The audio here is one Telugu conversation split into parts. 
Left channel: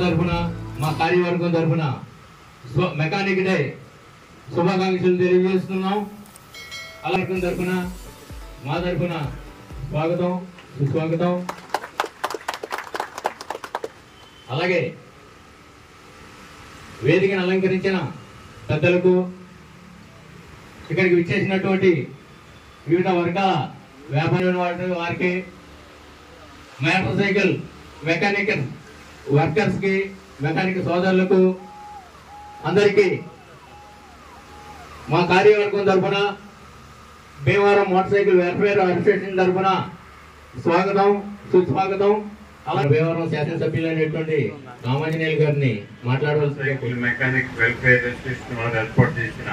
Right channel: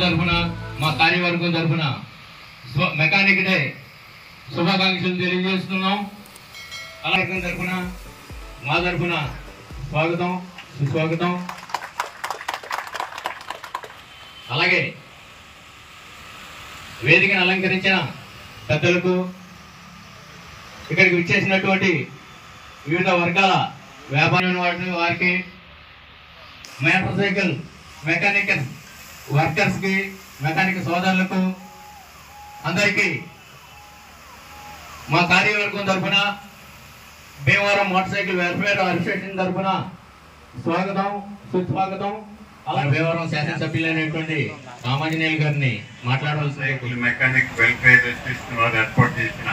తరఫున మా కార్యవర్గం తరఫున మెకానిక్ డే శుభాకాంక్షలు తెలియజేస్తున్నాం. అలాగే తరఫున మా తరఫున స్వాగతం సుస్వాగతం. అలాగే వేదికను అలంకరించిన పెద్దలకు, ఇక్కడికి విచ్చేసినటువంటి వివిధ వర్గాల వ్యాపారం వారికి, మోటార్ సైకిల్ మెకానికల్ వర్కర్స్ కి, మెకానిక్ సోదరులకు అందరికీ మా కార్యవర్గం తరఫున, Bhimavaram motor cycle welfare association తరఫున స్వాగతం సుస్వాగతం. అలా భీమవరం శాసనసభ్యులైనటువంటి రామాంజనేయులు గారిని మాట్లాడవలసిన సైకిల్ మెకానిక్ వెల్ఫేర్ అసోసియేషన్ వారు ఏర్పాటు చేసిన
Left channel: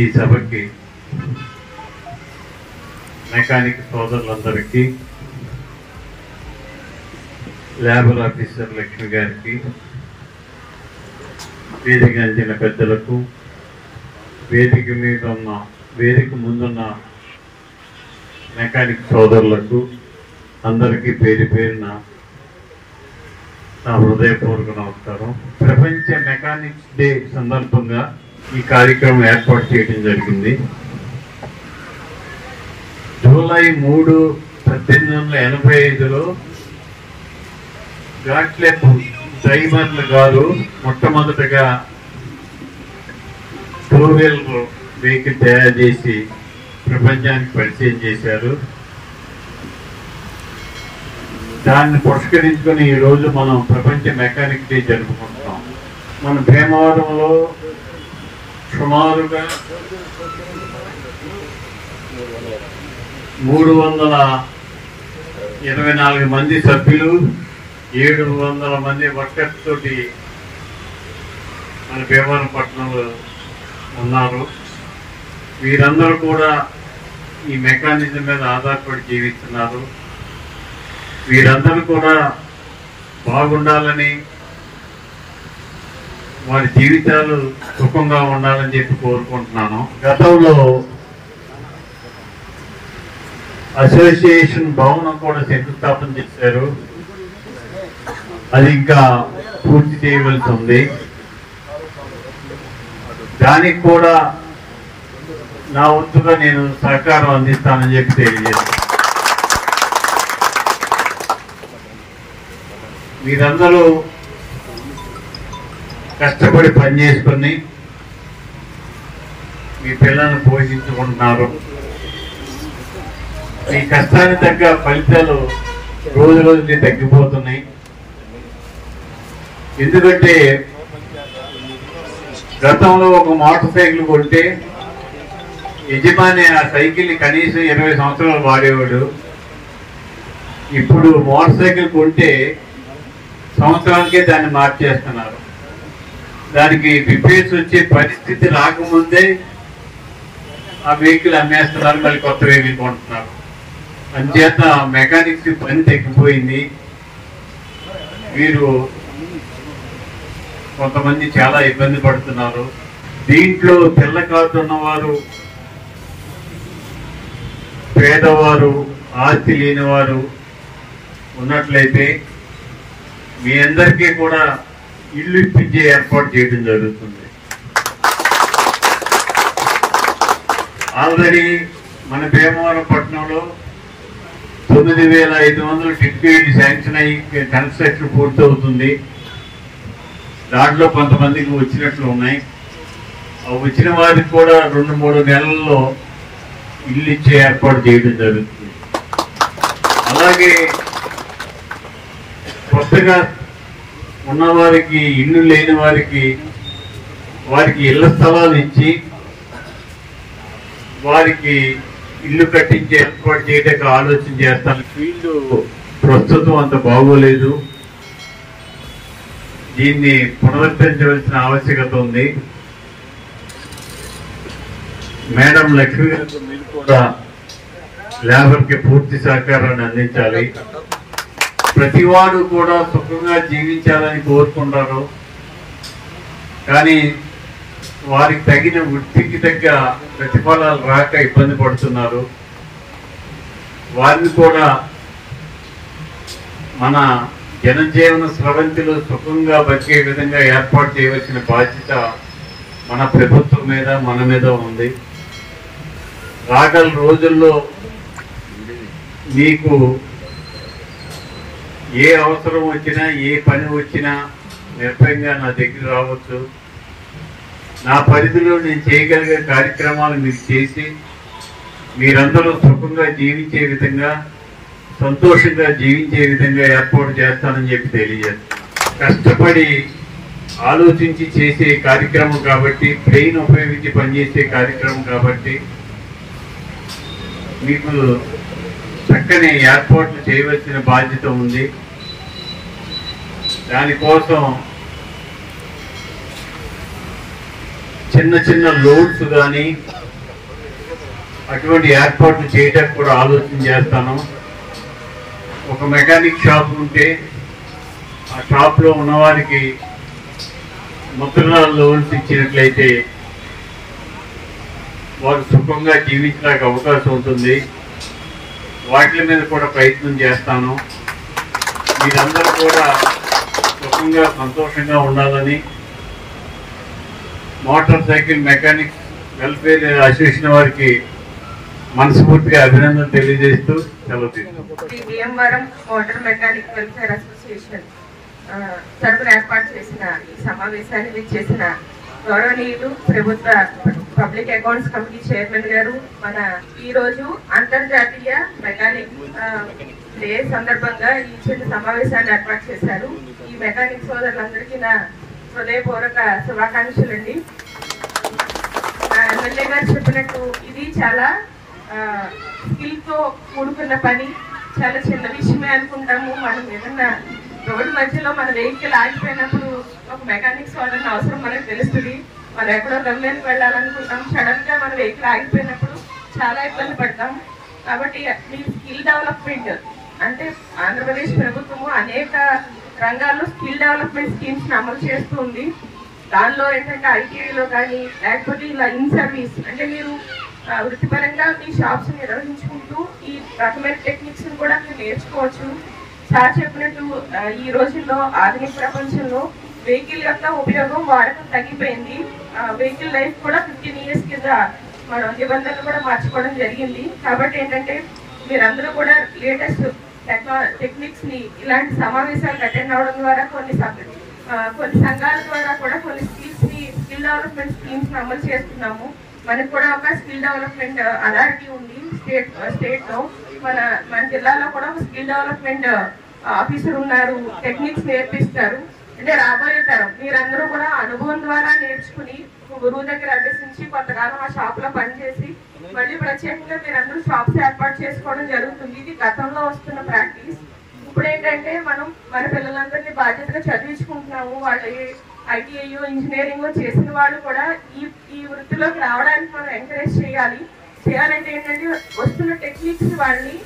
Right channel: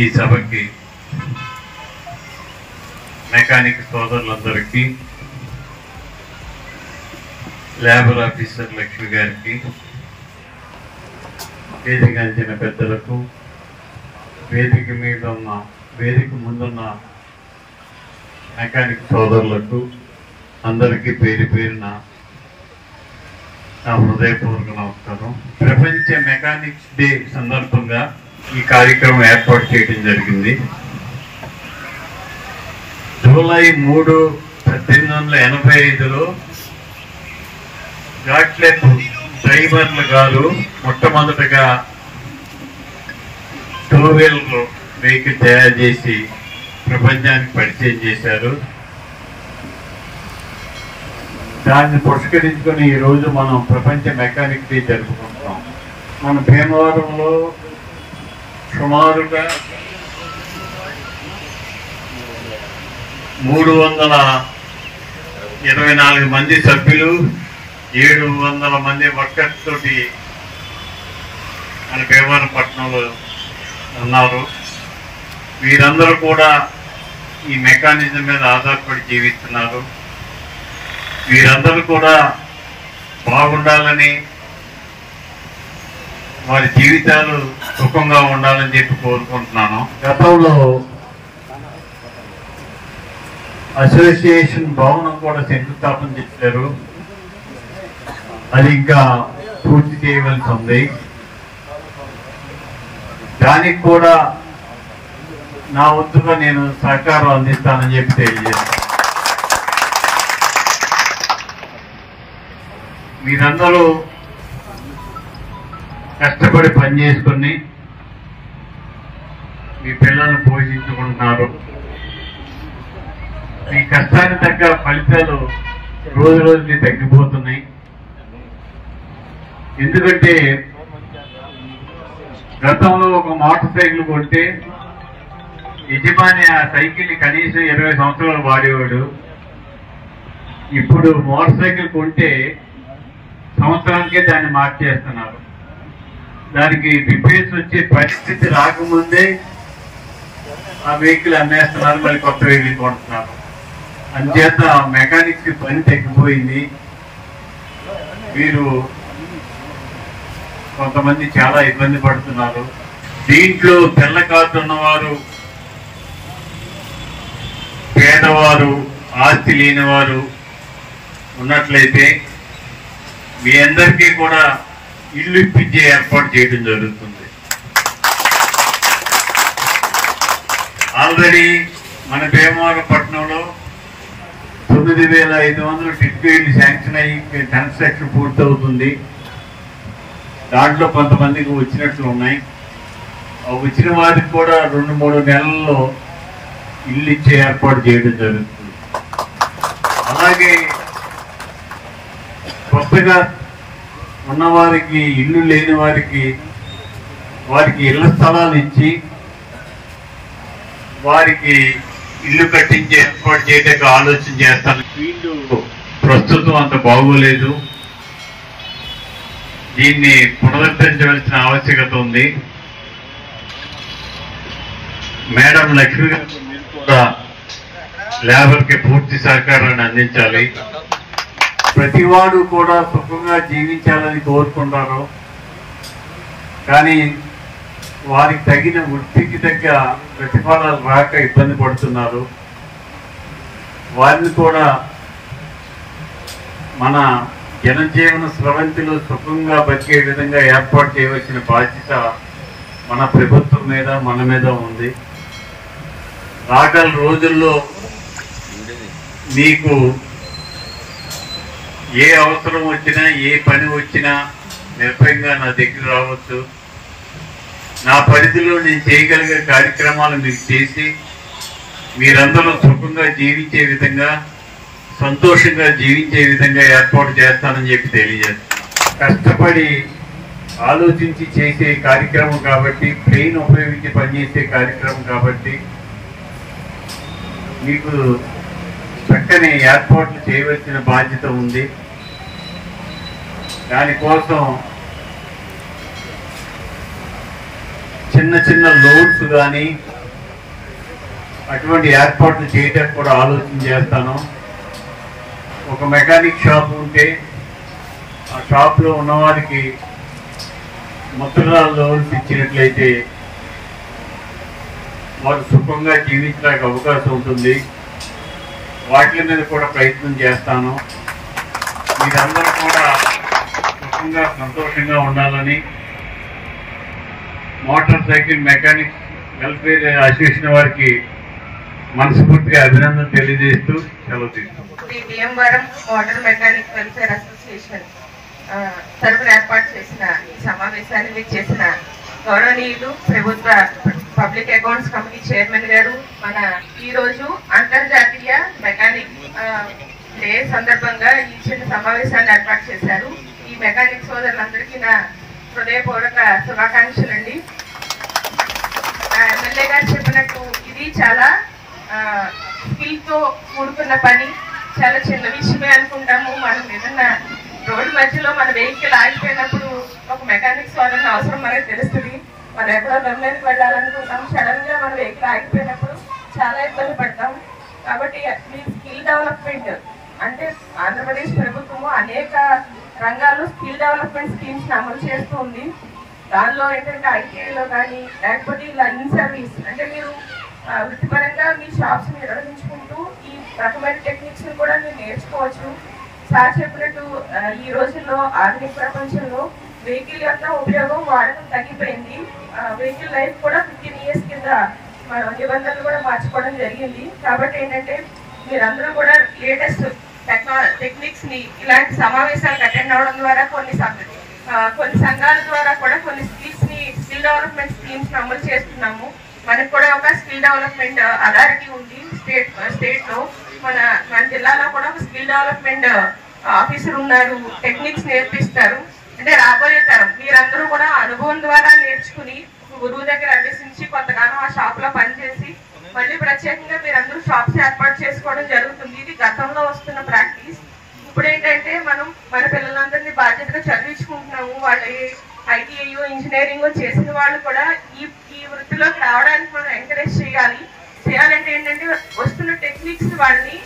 ఈ సభకి మెకానిక్ సోదరులందరికీ, లేబర్ ఆఫీసర్ లక్ష్మి గారికి, వేదికంచిన పెద్దలకు, వేదిక మీద ఉన్న వేదిక ముందున్న మెకానిక్ సోదరులకు అందరికీ పేరు పేరున నా హృదయపూర్వక నమస్కారం. ప్రపంచ మెకానిక్స్ డే సందర్భంగా ఈ కార్యక్రమం ఏర్పాటు చేయడం జరిగింది. జూలై 3, 1885లో గాట్లెప్ డ్రైవర్లు గారు మొట్టమొదటగా టూ వీలర్ వెహికల్ తయారు చేసి ప్రపంచానికి పరిచయం చేశారు. దాన్ని పురస్కరించుకుని ఈరోజు మనం ప్రపంచ మెకానిక్ డే జరుపుకుంటున్నాం. మన భీమవరంలో సుమారుగా 324 మంది సభ్యులు, 700 మంది వర్కర్స్ తోటి మన భీమవరం పట్టణంలో ఉన్నారు. వీరందరూ కూడా ఈ మెకానిజం మీద ఆధారపడి జీవిస్తున్నారు. వీరందరూ కూడా బాగుండాలని, వారి జీవితాలు సుఖంగా ఉండాలని చెప్పి కోరుకుంటున్నాను. గతంలో అసోసియేషన్ భవనం కూడా శంకుస్థాపన చేశారు. అది ఇంకా పూర్తి చేయవలసి ఉంది. దానికి కూడా నా వంతుగా నేను సహకారం అందిస్తానని చెప్పి తెలియజేస్తాను. మీరందరూ కష్టపడి పనిచేసుకొని మీ పిల్లలను పోషించుకుంటున్నారు. ఈ కష్టానికి తగ్గ ఫలితాలు రోజు రోజుకి తగ్గిపోతున్నాయి. ఎందుకంటే గతంలో ఒక మోటార్ సైకిల్ కొంటే యజమాని ఆ సైకిల్ని కనీసం 20 సంవత్సరాలు వాడేవాడు. ఇప్పుడు మోటార్ సైకిల్ కొంటే సంవత్సరానికే దాన్ని మార్చేస్తున్నారు. దానికి రిపేర్స్ వచ్చే పరిస్థితి రాకముందే ఆ వెహికల్ అమ్మేస్తున్నారు, మళ్ళీ కొత్త వెహికల్ కొంటున్నారు. అంచేత మెకానిక్స్ పని తగ్గిపోయింది. వీరు కొంతమంది చాలా ఇబ్బంది పడుతున్నారు. దీంట్లో తెల్ల కార్డు ఉన్నవారు, పేదవారు, ఆస్తి లేని వారు ఉన్నట్లయితే మీ అందరికీ కూడా ఇల్లు ఇప్పించే ఏర్పాటు చేయడం జరుగుతుంది. ఆల్రెడీ మన భీమవరం పట్టణంలో 9,500 టిడ్పీలు శాంక్షన్ అయ్యి కన్స్ట్రక్షన్ పూర్తవుతుంది. దాంట్లో కొంతమందికి వచ్చినట్లు ఉన్నాయి. వచ్చిన వారికి కూడా 2-3 నెలల్లో ఇల్లు ఇచ్చే ఏర్పాటు చేయడం జరుగుతుంది. అలాగే కొత్తగా ఉన్నవారికి, ఇల్లు లేని వారికి ఇళ్ల స్థలాలు ఇచ్చి వారికి ఇల్లు కట్టించే ఏర్పాటు చేయడానికి ఆలోచన చేస్తాను. ఫీల్డ్ ప్రస్తుతం అంత బాగోలేదు. దీన్ని పునరుద్ధరించవలసిన ఆవశ్యకత ఉంది. మేడం లక్ష్మి గారు మీరు కూడా లేబర్కి పూర్తి సహకారాన్ని అందించాలి. ప్రతి వాడు కూడా సుఖంగా జీవించాలని కోరుకుంటారు. కానీ వారికి తగిన వృత్తికి తగ్గ ప్రతిఫలాలు రాక ఇబ్బంది పడుతున్నారు. వారిని కూడా మన జనజీవన స్రవంతిలో సుఖంగా బతికే విధంగా ఏర్పాటు చేయవలసిన బాధ్యత మన ప్రభుత్వం మీద మన మీద ఉంది. రాగల రోజుల్లో మీకు ఏ అవసరం వచ్చినా ఏ పని వచ్చినా నిర్భయంగా నా దగ్గర రావచ్చు. నా పరిధిలో నేను చేయగలిగే కార్యక్రమాలు మీకు చేసి మీరందరూ సుఖంగా జీవించే విధంగా, సంతోషంగా జీవించే విధంగా ఏర్పాటు చేస్తానని చెప్పి తెలియజేస్తాను. కష్టపడి ఆలోచించి చేసే కార్యక్రమం కాబట్టి, బ్రెయిన్ ఉపయోగించి పనిచేసే కార్యక్రమం కాబట్టి మీకు చక్కని ఏర్పాట్లు చేయవలసిన బాధ్యత ఉంది. దానికోసం చిన్న చిన్న లోడ్స్ కానీ అటువంటి ఏర్పాట్లు చేయడానికి కూడా ఆలోచన చేస్తాను. ఒక మెకానిక్ షాప్ ఉంటే ఆ షాప్లో ఉన్నవారికి ముద్రణ లోన్స్ ఇచ్చినట్లయితే వారు సుఖంగా జీవించడానికి అవకాశం ఉంటుంది. వాటి మీద కూడా ప్రయత్నం చేస్తాను. మీరందరూ కూడా సుఖంగా సంతోషంగా ఉండాలని motor cycle mechanics welfare association వారికి మనస్ఫూర్తిగా అభినందన తెలియజేస్తూ సెలవు తీసుకుంటాం. Bhimavaram motor mechanic welfare association తరపున ఏర్పాటు చేసిన ఈ సమావేశాన్ని మీరు చేసిన గౌరవనీయులు ప్రభుత్వ పబ్లిక్ అకౌంట్స్ కమిటీ చైర్మన్ గారు, మన ఈ రోజు అంతర్జాతీయ మెకానిక్ డే సందర్భంగా ఈ చిన్న సమావేశాన్ని ఏర్పాటు చేశారు. ఈ మెకానిక్ సోదరులందరికీ నా హృదయపూర్వక శుభాకాంక్షలు అండి. ఎమ్మెల్యే గారు చెప్పినట్టు ఇది చాలా స్కిల్ తో కూడుకున్న పని. చాలా చిన్న విషయమే అనుకుంటాము. మనం ఏదన్నా రోడ్డు మధ్యలో మన వెహికల్ ఆగిపోయినప్పుడు ఒక మెకానిక్ సోదరుని అవసరం మనకు తెలుస్తుంది. మనం ఎక్కడో గమ్యానికి వెళ్ళాలనుకుంటాం, సడన్ గా మన వెహికల్ ఆగిపోయినప్పుడు చాలా ఇబ్బంది పడతాం. కాబట్టి మీ స్కిల్ డెవలప్మెంట్ అంటే ఆంధ్రప్రదేశ్ ప్రభుత్వము అనేక రంగాల్లో స్కిల్ డెవలప్మెంట్ స్కీమ్స్ అమలు చేస్తుంది. దానిలో ఏంటంటే ఐటీఐలో కానీ లేకపోతే ఇలా ఇన్ సర్వీస్ అంటే మీరు వృత్తిపరంగా మీ షాప్స్ నిర్వహించుకుంటూ ఈ రకమైన టెక్నిక్స్ కూడా మీరు నేర్చుకోవచ్చు. సార్ చెప్పినట్టు ఈ రోజుల్లో ఆధునిక ప్రపంచంలో వెహికల్ యొక్క ఉపయోగం వాడకం తగ్గిపోయింది. వెహికల్ లైఫ్ కూడా 15 years కింద మనం నిబంధనలు కూడా మార్చుకోవడం జరిగింది. కాబట్టి ఏంటంటే మీరందరూ కూడా లేటెస్ట్ టెక్నిక్స్ ని ఇలాంటి సమావేశాలకు అటెండ్ అవడం ద్వారా కొన్ని సంఘాల ద్వారా కూడా కొన్ని స్కిల్ డెవలప్మెంట్ స్కీమ్స్ ని అమలు చేస్తున్నాము. మనకు కూడా ఒక స్కిల్ డెవలప్మెంట్ అథారిటీ ఉంది స్టేట్ లో. మన జిల్లాలో కూడా ఒక స్కిల్ డెవలప్మెంట్ ఆఫీసర్ ఉన్నారు, టెక్నిక్స్ నేర్పిస్తారు. అంటే రాబోయే తరం మీరందరూ కూడా అనుభవం ద్వారా నేర్చుకుని గురువు దగ్గర అభ్యసించి కొంతకాలం ఆ షాప్ లో పనిచేసి మళ్ళీ ప్రత్యేకంగా మీరందరూ షాప్స్ ఏర్పాటు చేసుకోవడం జరుగుతుంది. ఇది గతంలో వస్తున్న ప్రాక్టీస్. ఇప్పుడు ఏంటంటే మనం మన పిల్లలందరినీ బాధ్యతగా చదివించుకుంటున్నాము. వాళ్ళు ఐటీఐ ఇంజనీరింగ్ చేసిన వాళ్ళు కూడా ఈ వృత్తిలోకి రావడానికి మనం ఎంకరేజ్ చేయాలంటే ఏంటంటే వస్తున్న టెక్నిక్స్ వాళ్ళని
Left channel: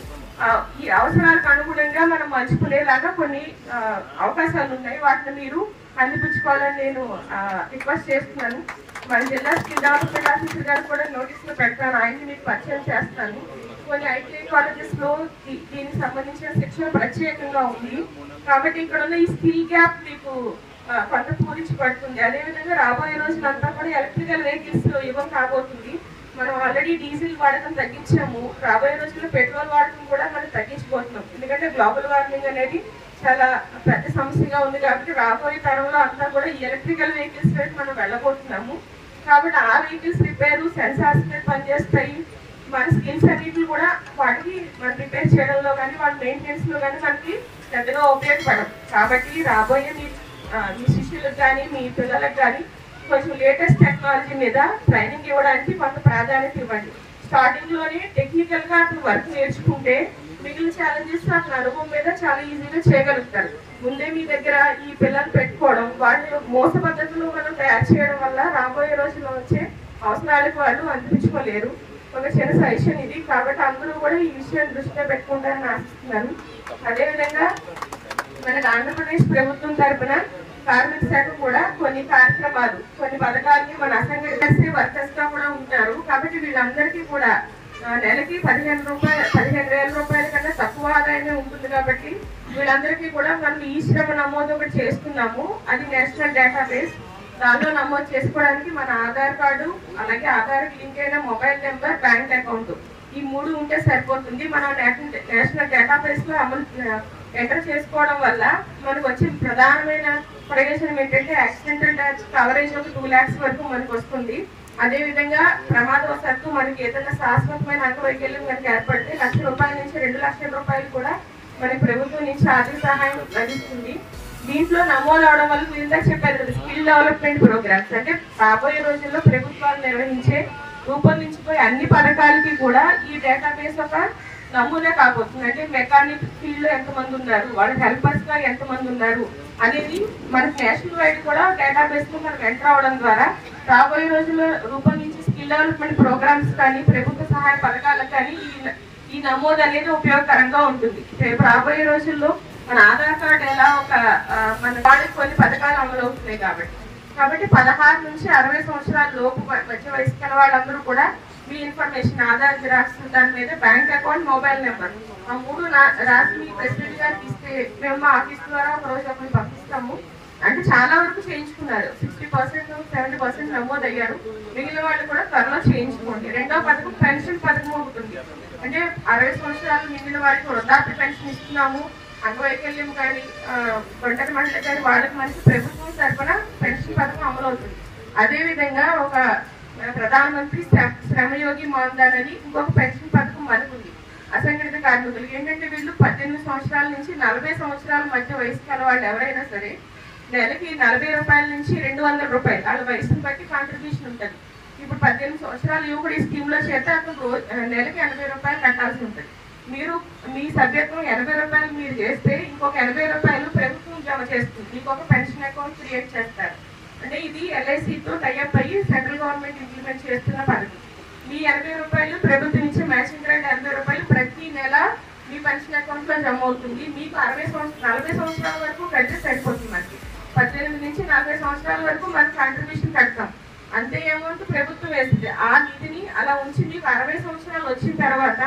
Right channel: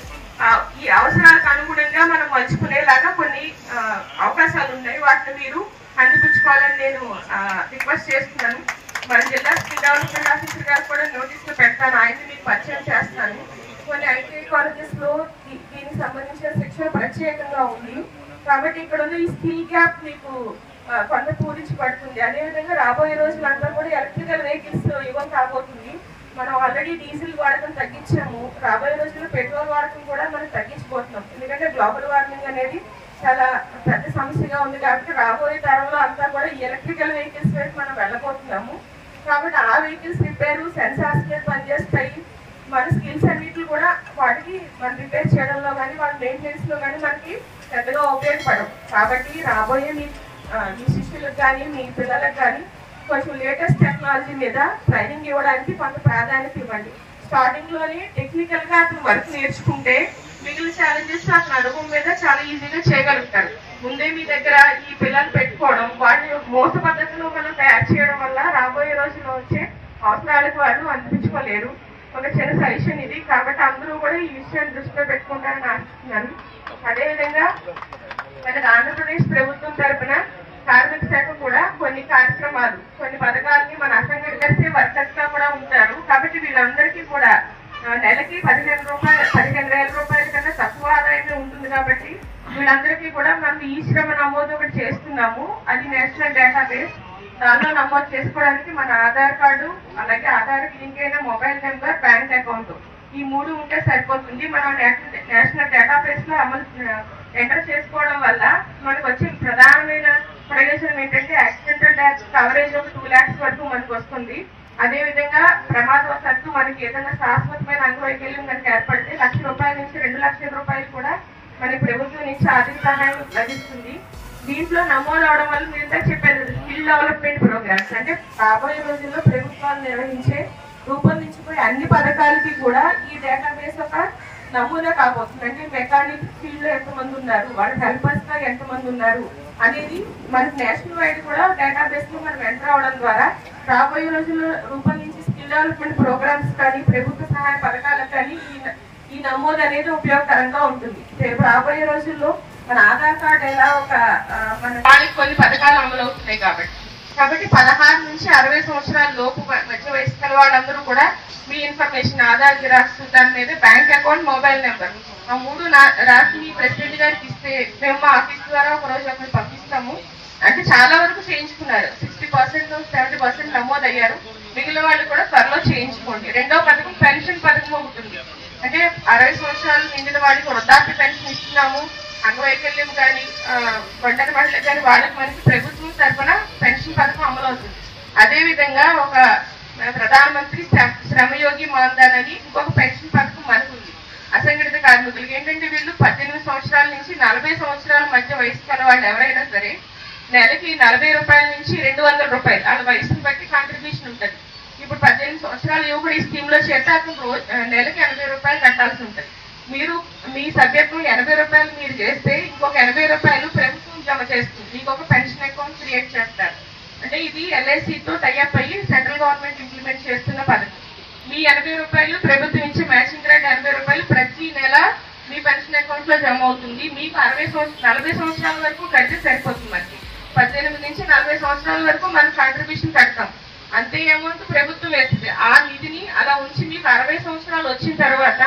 ఈ అవసరాలకు అనుగుణంగా మనం మలుచుకునేలాగా కొన్ని అవకాశాలు ఉన్నాయి. వాటిని మీరు అందిపుచ్చుకోవాలని నేను రిక్వెస్ట్ చేస్తున్నాను. మన జిల్లా స్కిల్ డెవలప్మెంట్ ఆఫీసర్ గారు కూడా నోటీసులు పెడతాను, ఆయన్ని మీకు పరిచయం చేస్తాను. కొన్ని ఐటీఐ కాలేజెస్ లో దీనికి సంబంధించిన శిక్షణ ప్రత్యేకంగా ఉంది. కాబట్టి ఇక్కడ ఉన్న ఈ స్కిల్ గ్యాప్ మీకు కొంత పూరించబడుతుంది. అదేవిధంగా రాబోయే రోజులంతా కూడా ఎలక్ట్రికల్ వెహికల్స్ యుగం కాబోతుంది. మనం ఆల్రెడీ డీజిల్ వాడకం తగ్గించాము. రాబోయే రోజుల్లో పెట్రోల్ వాడకం కూడా మనం తగ్గించబోతున్నాం. ఎందుకంటే గ్లోబల్ వార్మింగ్ అనేది చాలా పెద్ద సమస్యగా ఉంది. కాబట్టి రాబోయే తరంలో అంతా కూడా ఈ ఎలక్ట్రికల్ వెహికల్స్ వైపు మనం వెళ్ళబోతున్నాము. కాబట్టి ఆ వెహికల్స్ రిపేర్ సెన్సార్స్ మీద పనిచేస్తాయి. మన స్కిల్స్ అన్నిటి కూడా వాటికి మనం రిపేర్ చేయడంలో కానీ వాళ్ళ మెయింటెనెన్స్ లో కానీ మనకి పెద్దగా ఉపయోగపడదు. కాబట్టి రాబోయే మీ శిష్యులకు కానీ మీ పిల్లలకు కానీ కొంచెం లేటెస్ట్ టెక్నాలజీ మీద ట్రైనింగ్ ఇవ్వడానికి కొంత ప్రాధాన్యత ఇవ్వండి. స్టార్టింగ్ లోనే టెక్నికల్ గా అతను వర్క్ నేర్చుకుంటే మిగిలిన ఛాలెంజెస్ అతని అనుభవం మీద చాలా ఈజీగా చేయగలుగుతారు. ముందే మీ దగ్గర ఈ పిల్లలు పెట్టుకోవడం, వాటిని మోస పద్ధతిలో మనం తయారు చేయడం వల్ల రాబోయే రోజుల్లో వచ్చే అవసరాలకు వాళ్ళు అందించుకోలేరు. ఒక చిన్న సజెషన్ ఇది. కాబట్టి అందరూ కూడా ఈ విషయాన్ని దృష్టిలో పెట్టుకుంటారని ఆశిస్తున్నాను. అదేవిధంగా మనకు ఆంధ్రప్రదేశ్ ప్రభుత్వం తరఫున కార్మిక శాఖ కూడా కొన్ని కార్యక్రమాలు కొన్ని పథకాలకి మన అసంఘటిత వర్కర్స్ గా కూడా ఉంటారు. కాబట్టి వీళ్ళందరికీ కూడా నెలకి 15,000 రూపాయల కన్నా తక్కువ ఆదాయమే ఉంటుంది కాబట్టి వీళ్ళందరికీ కూడా మనం ఈ శ్రమ నమోదు ఒకటి చేస్తున్నాము. అది నేషనల్ డేటాబేస్. దానిలో నమోదు చేసుకోవడానికి మన ఆధార్ కార్డు, అలాగే ఆధార్కి లింక్ అయిన మొబైల్ నెంబర్, బ్యాంక్ అకౌంట్, ఈ 3 ఉంటే సరిపోతుంది. మనం నేషనల్ డేటాబేస్ లో ఎంటర్ చేసుకోవడం వల్ల మనకు వచ్చే ప్రధానమైన ప్రయోజనం ఏంటంటే యాక్సిడెంటల్ డెత్ కవరేజ్ ఒక 2 lakhs వరకు మనకు వస్తుంది. అదేవిధంగా ప్రమాదవశాత్తు మనకి ఏదైనా శాశ్వతమైన అంగవైకల్యం కనుక ఏర్పడితే 1,00,000 రూపాయల నుంచి 2 లక్షల రూపాయలు కూడా మనకి ప్రభుత్వం నుంచి ఆర్థిక సహాయం లభిస్తుంది. దీంట్లో నమోదు అవడం వల్ల మీరు చెప్పారు కదా, స్కిల్ డెవలప్మెంట్ ప్రోగ్రామ్స్ అంటే రాబోయే రోజుల్లో ప్రభుత్వాలు రూపొందించిపోయే అన్ని పథకాలకి కూడా ఈ డేటాబేస్ ఒక నమూనా కాబోతుంది. అంటే మెకానిక్ ఫీల్డ్ లో ఎంతమంది ఉన్నారు, వాళ్ళ హెల్పర్స్ గా ఎంతమంది ఉన్నారు అనేది మనకి నేషనల్ వైడ్ కూడా డేటాబేస్ లో మనం ఎంటర్ అవడం ద్వారా రాబోయే రోజుల్లో రూపొందించే స్కిల్ డెవలప్మెంట్ ప్రోగ్రామ్స్ కానీ ప్రభుత్వ సహాయ పథకాలకు కానీ ఈ నమోదు అనేది ఉపయోగకరంగా ఉంటుంది. రేపు రాబోయే రోజుల్లో మన ఆధార్ కార్డు ఎలా ఒక మన వాళ్ళకి కొన్ని పథకాలు అమలు అవుతున్నాయి కాబట్టి 16 నుంచి 60 సంవత్సరాల లోపు మధ్య వయసు గల వాళ్ళందరూ కూడా మీ ఇన్ఫర్మేషన్, ఆధార్ జిరాక్స్, దాని మీద బ్యాంక్ అకౌంట్, మొబైల్ నెంబర్, ఆ 3 రాసి మీ ప్రెసిడెంట్ గారికి ఇస్తే మేము మా ఆఫీస్ ద్వారా ఒక రోజు అక్కడ పంపిస్తాము. అంటే చాలా వరకు చేయించుకున్నారు, 60% 70% నమోదు అయ్యారు. మిగిలిన వాళ్ళు కూడా త్వరలో చేయించుకోండి. రెండో పథకం పెన్షన్ పథకం ఒకటి ఉంది. అంటే 60 సంవత్సరాలు నిండిన వాడికి వృద్ధాప్య పెన్షన్ ఇస్తున్నాము. అంగవైకల్యం కానీ ఒంటరి మహిళలకు కానీ వాళ్ళకి మనకి ప్రభుత్వం తరఫున పెన్షన్ పథకం అమలు అవుతుంది. అదేవిధంగా ఒక ప్రధానమంత్రి శ్రమయోగి మాన్ధన్ అని ఇంకొక పెన్షన్ పథకం మనకు ఉంది. అసంఘటిత కార్మికులకి ఏంటంటే వీళ్ళు 18 సంవత్సరాల నుంచి 40 సంవత్సరాల మధ్య వయసు కల వాళ్ళు ఎవరైనా సరే నెలకి 40 రూపాయల నుంచి 200 రూపాయలు వాళ్ళ వయసును బట్టి కాంట్రిబ్యూషన్ ఉంటుంది. ఇప్పుడు 18 సంవత్సరాల యువకుడు ఈ స్కీమ్ లో చేస్తే అతను నెలకి 80 రూపాయలు కట్టాల్సి ఉంటుంది. మీరు మీ సభ్యత్వం 80 రూపాయలు మీరు చేస్తే ఇంకొక 80 రూపాయలు ప్రభుత్వం జమ చేస్తుంది. మీకు ఒక పెన్షన్ అకౌంట్ క్రియేట్ చేస్తారు. అంటే ఇది LICతో టైఅప్ అయ్యి సెంట్రల్ గవర్నమెంట్ ఇంప్లిమెంట్ చేస్తున్న పథకం. మీ 80 రూపాయలు ప్రభుత్వం ఇచ్చే మ్యాచింగ్ గ్రాంట్ 80 రూపాయలు ప్రతి నెల మీ పెన్షన్ అకౌంట్ లో జమ అవుతుంది. మీకు 40 సంవత్సరాల వరకు కడితే సరిపోతుంది. మనకి 18 నుంచి 40 సంవత్సరాల వరకు మనం కాంట్రిబ్యూషన్ కడతాం. అంతే అమౌంట్ ప్రభుత్వం వేస్తుంది. ఆ నిధిని అలా ఉంచి మీకు 60 సంవత్సరాలు వచ్చిన తర్వాత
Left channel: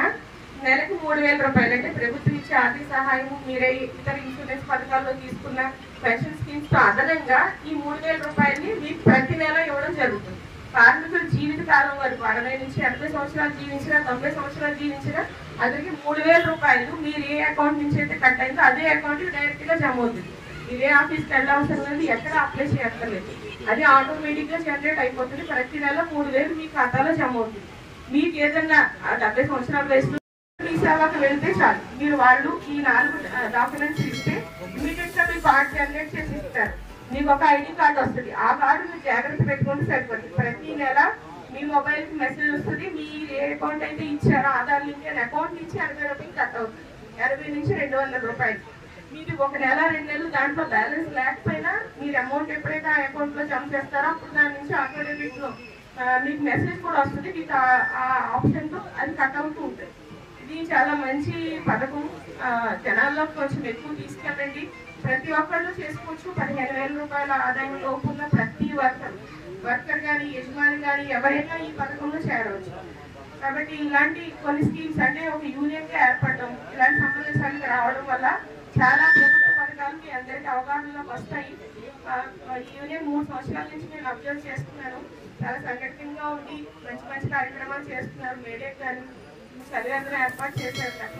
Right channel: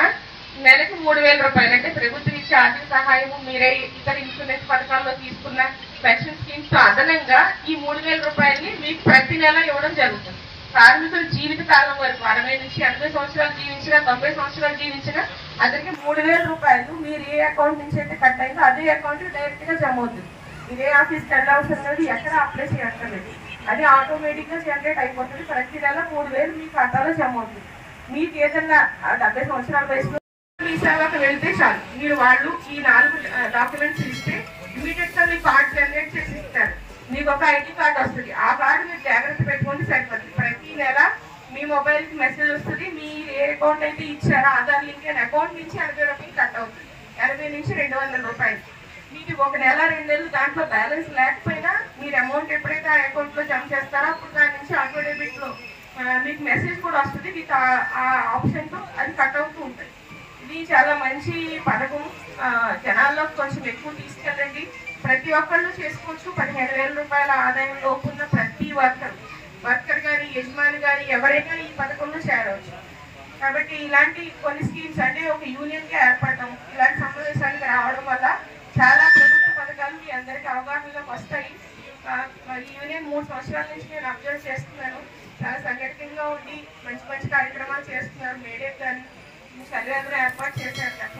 నెలకి 3,000 రూపాయలు అంటే ప్రభుత్వం ఇచ్చే ఆర్థిక సహాయం, మీరే ఇతర ఇన్సూరెన్స్ పథకాల్లో తీసుకున్న పెన్షన్ స్కీమ్స్ తో అదనంగా ఈ 3,000 రూపాయలని మీకు ప్రతి నెల ఇవ్వడం జరుగుతుంది. కార్మికుల జీవిత కాలం వరకు 60 నుంచి 80 సంవత్సరాలు జీవించినా 90 సంవత్సరాలు జీవించినా అతనికి 3,000 రూపాయలు మీరు ఏ అకౌంట్ నుంచి అయితే కట్ అయిందో అదే అకౌంట్ డైరెక్ట్ గా జమ అవుతుంది. ఇదే ఆఫీస్కి వెళ్ళవసరం లేదు, ఎక్కడ అప్లై చేయక్కర్లేదు. అది ఆటోమేటిక్ గా జనరేట్ అయిపోతుంది. ప్రతి నెల 3,000 మీ ఖాతాలో జమ అవుతుంది. మీకు ఏదైనా 70 సంవత్సరాల వయసులో మీ సేవకు వెళ్తే చాలు, మీరు వాళ్ళు ఈ 4 డాక్యుమెంట్స్ ఇస్తే ఇమీడియట్ గా మీ కార్డ్ జనరేట్ చేసి ఇస్తారు. మీకు ఒక ID కార్డు వస్తుంది. ఆ కార్డు మీరు జాగ్రత్త పెట్టుకుంటే సరిపోతుంది. ప్రతి నెల మీ మొబైల్ కి మెసేజ్ వస్తుంది. మీరు ఏ అకౌంట్ అయితే ఇచ్చారో ఆధార్ లింక్ అయిన అకౌంట్ నుంచి 80 రూపాయలు కట్ అవుతుంది. 80 నుంచి 200 రూపాయలు. మీకు ఒక నెల 2 నెలలు దాంట్లో బ్యాలెన్స్ లేకపోయినా మీరు అమౌంట్ ఎప్పుడైతే ఆ అకౌంట్ లో జమ చేస్తారో అప్పుడు దాని నుంచి ఆటో డెబిట్ లో మీకు మెసేజ్ కూడా వస్తుంది. మీకు ఆ ఆప్షన్ తో అది కట్ అవుతూ ఉంటుంది. ఇది చాలా మంచి పథకం. జనాల్లో కొంచెం ఎక్కువ తీసుకెళ్ళండి. ప్రతి ఒక్కళ్ళు చేసుకోవచ్చు. 15,000 రూపాయల ఆదాయం లోపు ఉన్న ప్రతి వర్కర్ కానీ యజమాని కానీ ఎవరైనా ఈ పథకంలో చేరవచ్చు. కాబట్టి ఇలాంటి కొన్ని స్కీమ్స్ అంటే ఒక యూనియన్ గా ఏర్పడడం, ఇలాంటి సమావేశాలకు రావడం వల్ల చాలా ప్రభుత్వ పథకాలు మీ అందరికీ అవగాహనలోకి వస్తాయి. యూనియన్ 3 సంవత్సరాల నుంచి నేను అబ్జర్వ్ చేస్తున్నాను. చాలా సంఘటితంగా ఉండి మంచి మంచి కార్యక్రమాలు చేస్తున్నారు. మేడేట్ కానీ సర్వేంద్రం ఏర్పాటు చేశారు.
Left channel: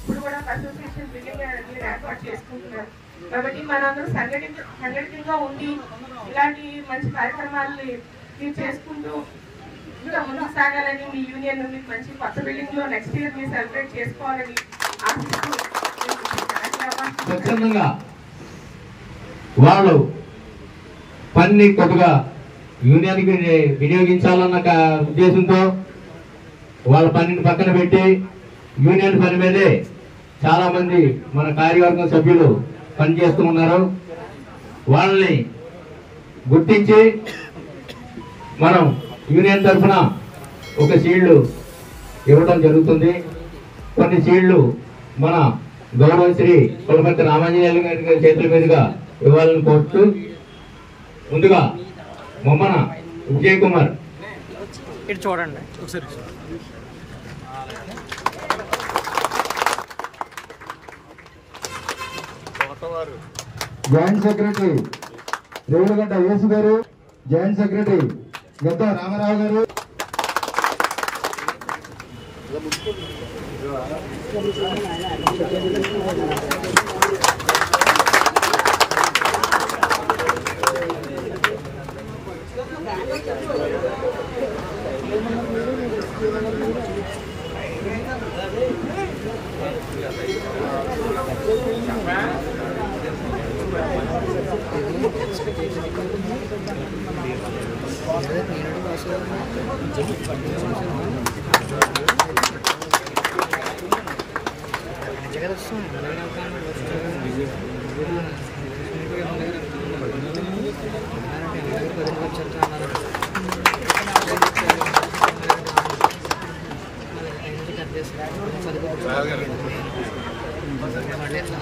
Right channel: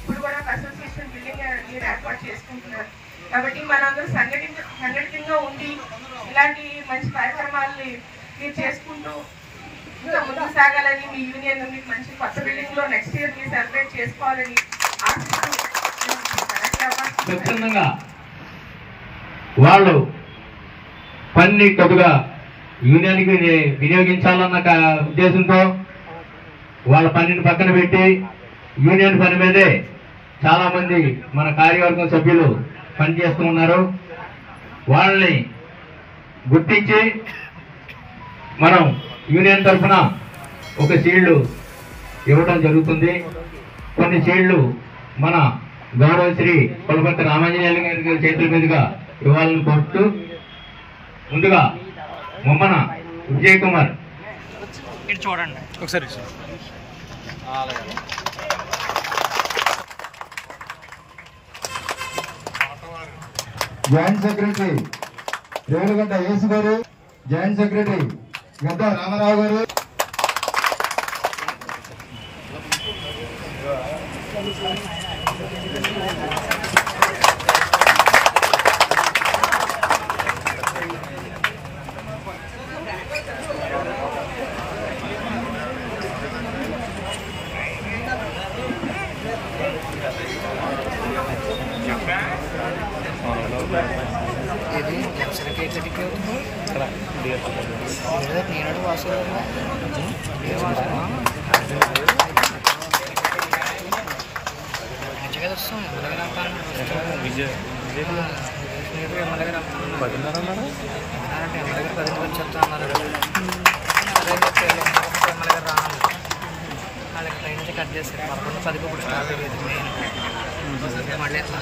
ఇప్పుడు కూడా అసోసియేషన్ బిల్డింగ్ మీరు ఏర్పాటు చేసుకుంటున్నారు. కాబట్టి మనందరూ సంఘటితంగా ఉండి ఇలాంటి మంచి కార్యక్రమాలని మీరు చేసుకుంటూ ఇంకా ముందుకు సాగాలని, మీ యూనియన్ మీకు మంచి కొత్త బిల్డింగ్ లో నెక్స్ట్ ఇయర్ మీరు సెలబ్రేట్ చేసుకోవాలని ఆశిస్తూ స్వచ్ఛందంగా వాళ్ళు పని కొద్దిగా యూనియన్కి వినియోగించాలన్న ఉద్దేశంతో వాళ్ళ పనిని పక్కన పెట్టి యూనియన్ పని మీదే చాలా మంది మన కార్యవర్గం సభ్యులు పనిచేస్తూ ఉన్నారు. వాళ్ళని గుర్తించి మనం యూనియన్ తరఫున ఒక షీల్డ్ ఇవ్వడం జరుగుతుంది. కొన్ని షీల్డ్లు మన గౌరవశ్రీ పులపర్తి రామాంజనేయులు గారి చేతుల మీదుగా ఇవ్వాలని కోరుతూ ముందుగా మొమ్మన విజయ్ కుమార్ చూడండి ఒకసారి. జాయింట్ సెక్రటరీ రేవులగడ్డ యేసు గారు, జాయింట్ సెక్రటరీ గద్ద రామారావు గారు, నేను వాసన జగద్ వస్తాం ఎమ్మెల్యే అంటే ఎమ్మెల్యే 10 వచ్చేస్తా అన్నారు. అదే ఎమ్మెల్యే రాను వాళ్ళకి ట్రైన్ నుంచి కట్ చేస్తారు 11:10 ఇప్పుడు స్టార్ట్ అయ్యేది మెయిన్ మళ్ళీ ఎట్లా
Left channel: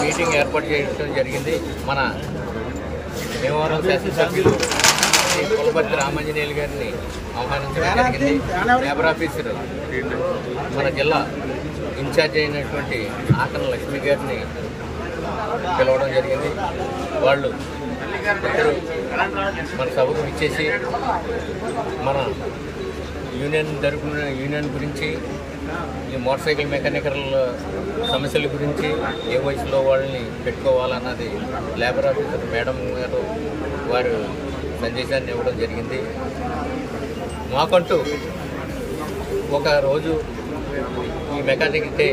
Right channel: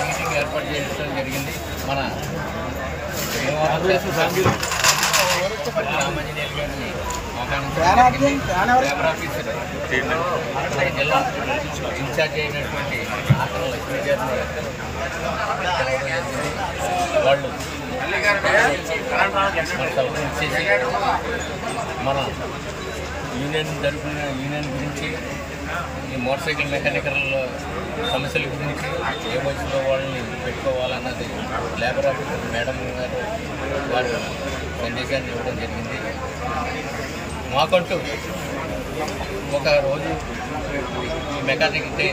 మీటింగ్ ఏర్పాటు చేయడం జరిగింది. మన దేవవరం శాసనసభ్యులు కొలపర్తి రామాంజనేయులు గారిని ఆహ్వానించడం, లేబర్ ఆఫీసర్ మన జిల్లా ఇన్ఛార్జ్ అయినటువంటి ఆకన లక్ష్మి గారిని పిలవడం జరిగింది. వాళ్ళు మన సభకు ఇచ్చేసి మన యూనియన్ గురించి, ఈ మోటార్ సైకిల్ మెకానికల్ సమస్యల గురించి, ఏ వయసులో వాళ్ళని పెట్టుకోవాలన్నది లేబర్ ఆఫీసర్ మేడం గారు వారు సందేశాన్ని ఇవ్వడం జరిగింది. మాకంటూ ఒక రోజు ఈ మెకానికల్ డే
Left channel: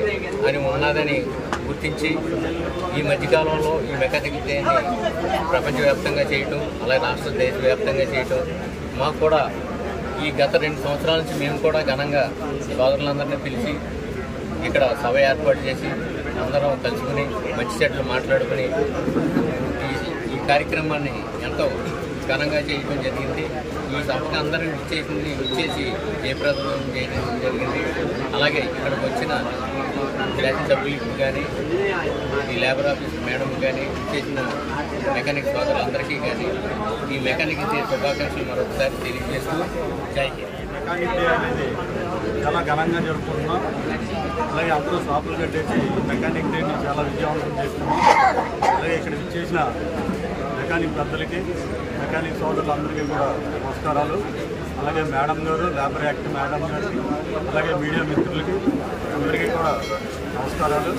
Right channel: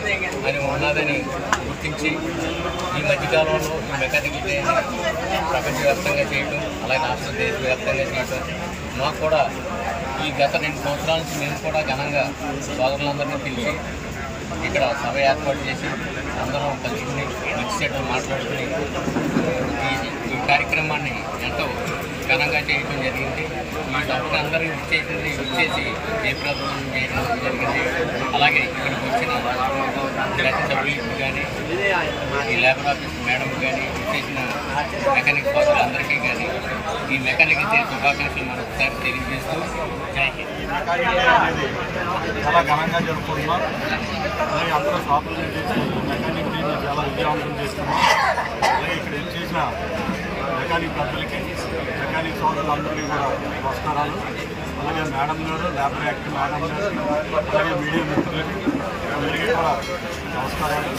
అని ఉన్నదని గుర్తించి ఈ మధ్యకాలంలో ఈ మెకానికల్ డేని ప్రపంచవ్యాప్తంగా చేయటం, అలాగే రాష్ట్ర దేశవ్యాప్తంగా చేయటం, మాకు కూడా ఈ గత 2 సంవత్సరాల నుంచి మేము కూడా ఘనంగా సోదరులందరినీ పిలిచి ఇక్కడ సభ ఏర్పాటు చేసి అందరం కలుసుకుని మంచి చెట్లు మాట్లాడుకుని ఈ కార్యక్రమాన్ని ఎంతో ఘనంగా చేయడం జరిగింది. ఈ సభకు అందరూ ఇచ్చేసి జయప్రదం చేయడం జరిగింది. అలాగే ఇక్కడికి వచ్చిన శాసనసభ్యులకు కానీ, ఈ లేబర్ ఆఫీస్ మేడం కానీ, ఇచ్చేసిన మెకానిక్ సోదరులందరికీ కానీ ఈ మెకానిక్ శుభాకాంక్షలు మరొకసారి తెలియజేస్తూ జై హింద్. చాలా ఘనంగా జరుపుకుంటున్నాం. అలాగే అందరూ స్వాతంత్రం చేసి మెకానిక్ డేని చాలా విజయవంతం చేస్తున్నాం. అలాగే ఇక్కడ చేసిన మెకానిక్ పెద్దలకి, మెకానిక్ సోదరులందరికీ కూడా నమస్కారాలు. అలాగే మేడం గారు, లేబర్ యాక్ట్ మేడం గారు, అలాగే మీడియా మిత్రులకి అందరికీ కూడా నమస్కారాలు.